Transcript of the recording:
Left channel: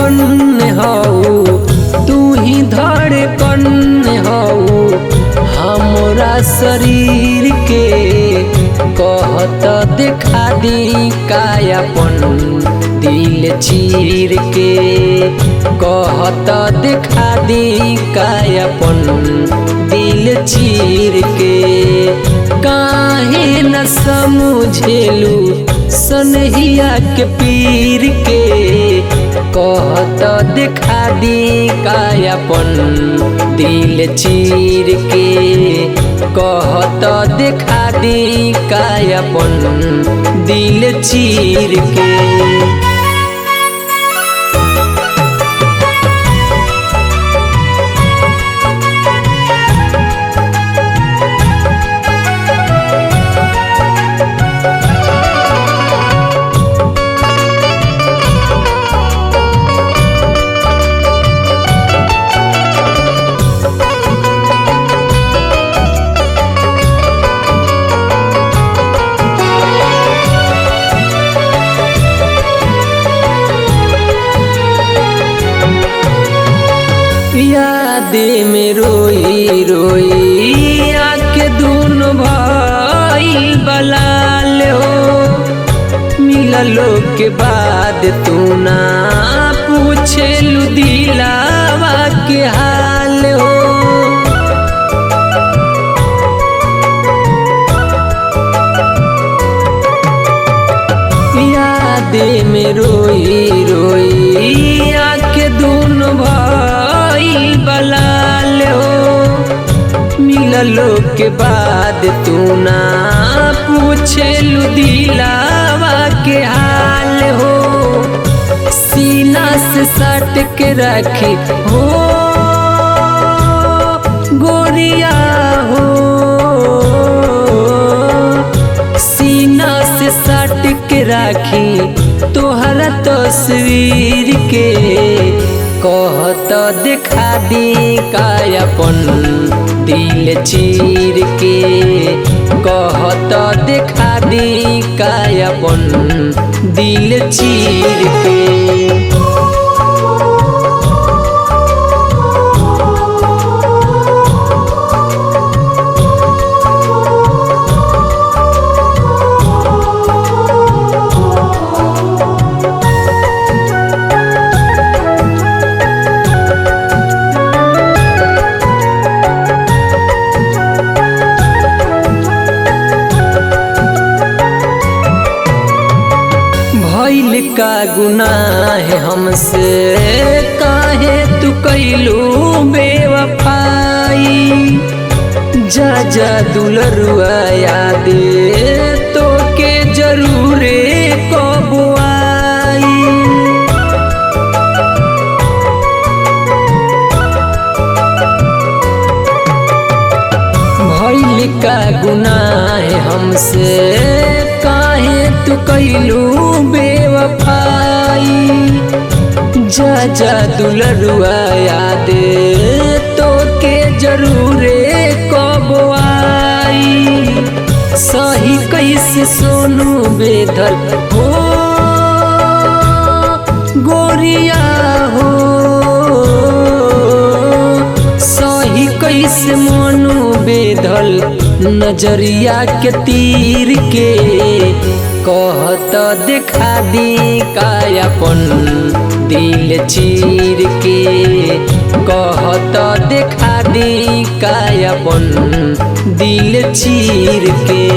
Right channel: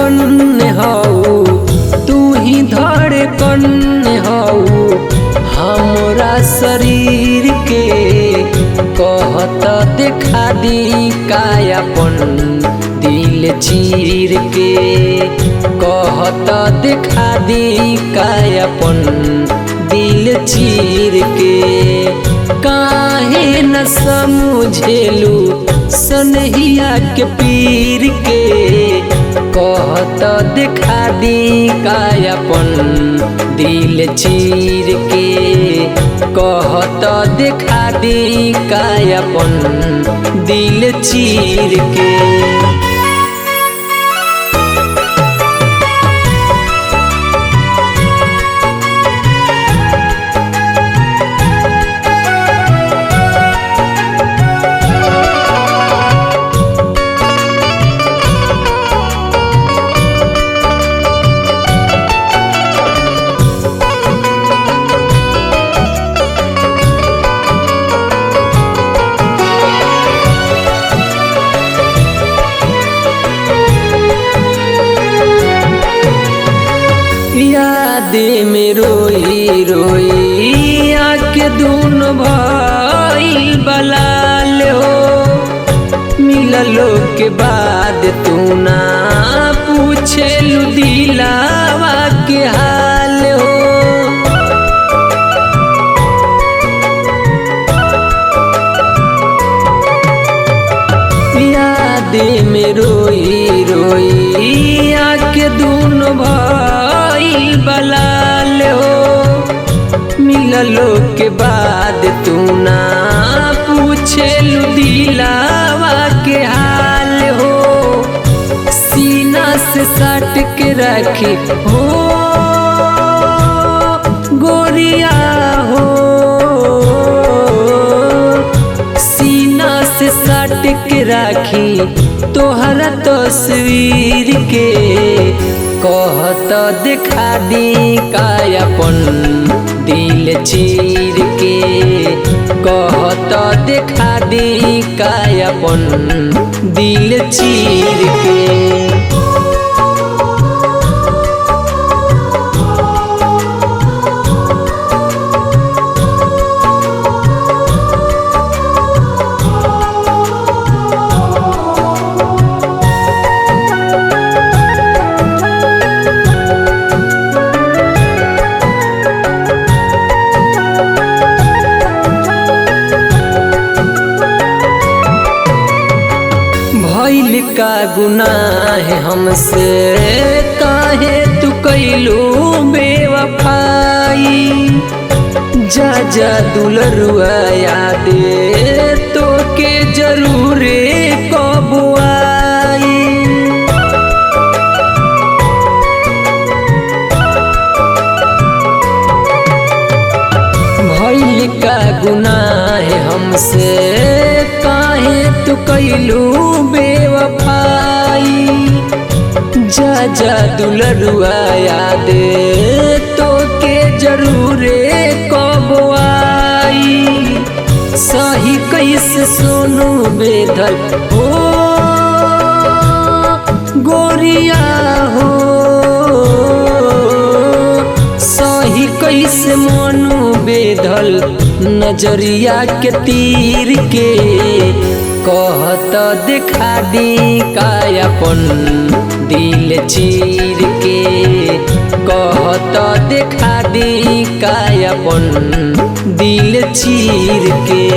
धड़कन हऊ, तू ही धड़कन हऊ हमरा शरीर के। कहत देखा दी कायापन दिल चीर के। कहत देखा दी कायापन दिल चीर के। काहे न समझेलू सनहिया के पीर के। कहत देखा दी कायापन दिल चीर के। कहत देखा दी कायापन दिल चीर के। याद में रोई रोई आँखें दूनो भइल बलाल हो। मिललो के बाद तू ना पूछेलू दिलावा के हाल हो। याद में रोई रोई आँखें दूनो भइल बलाल हो। मिललो के बाद तू ना पूछेलू दिलावा के हाल हो। सीना से सट के रखी हो गोरिया हो। सीना से सट के राखी तोहरा तस्वीर के। कहत देखा दी कायापन दिल चीर के। कहत देखा दी कायापन दिल चीर के। भइल का गुनाह हमसे काहे तू कैलू बेवफाई। जा जा दुलरुआ याद तो के जरूरे कब आई। भइल का गुनाह हमसे काहे तू कैलू बेवफाई। जा जा दुलरुआ याद तो के जरूरे कब आई। सही कैसे सोनू बेदल हो गोरिया हो। सही कैसे मनु बेदल नजरिया के तीर के। कहत देखा दी कायापन दिल चीर के। कहत देखा दी कायापन दिल चीर के।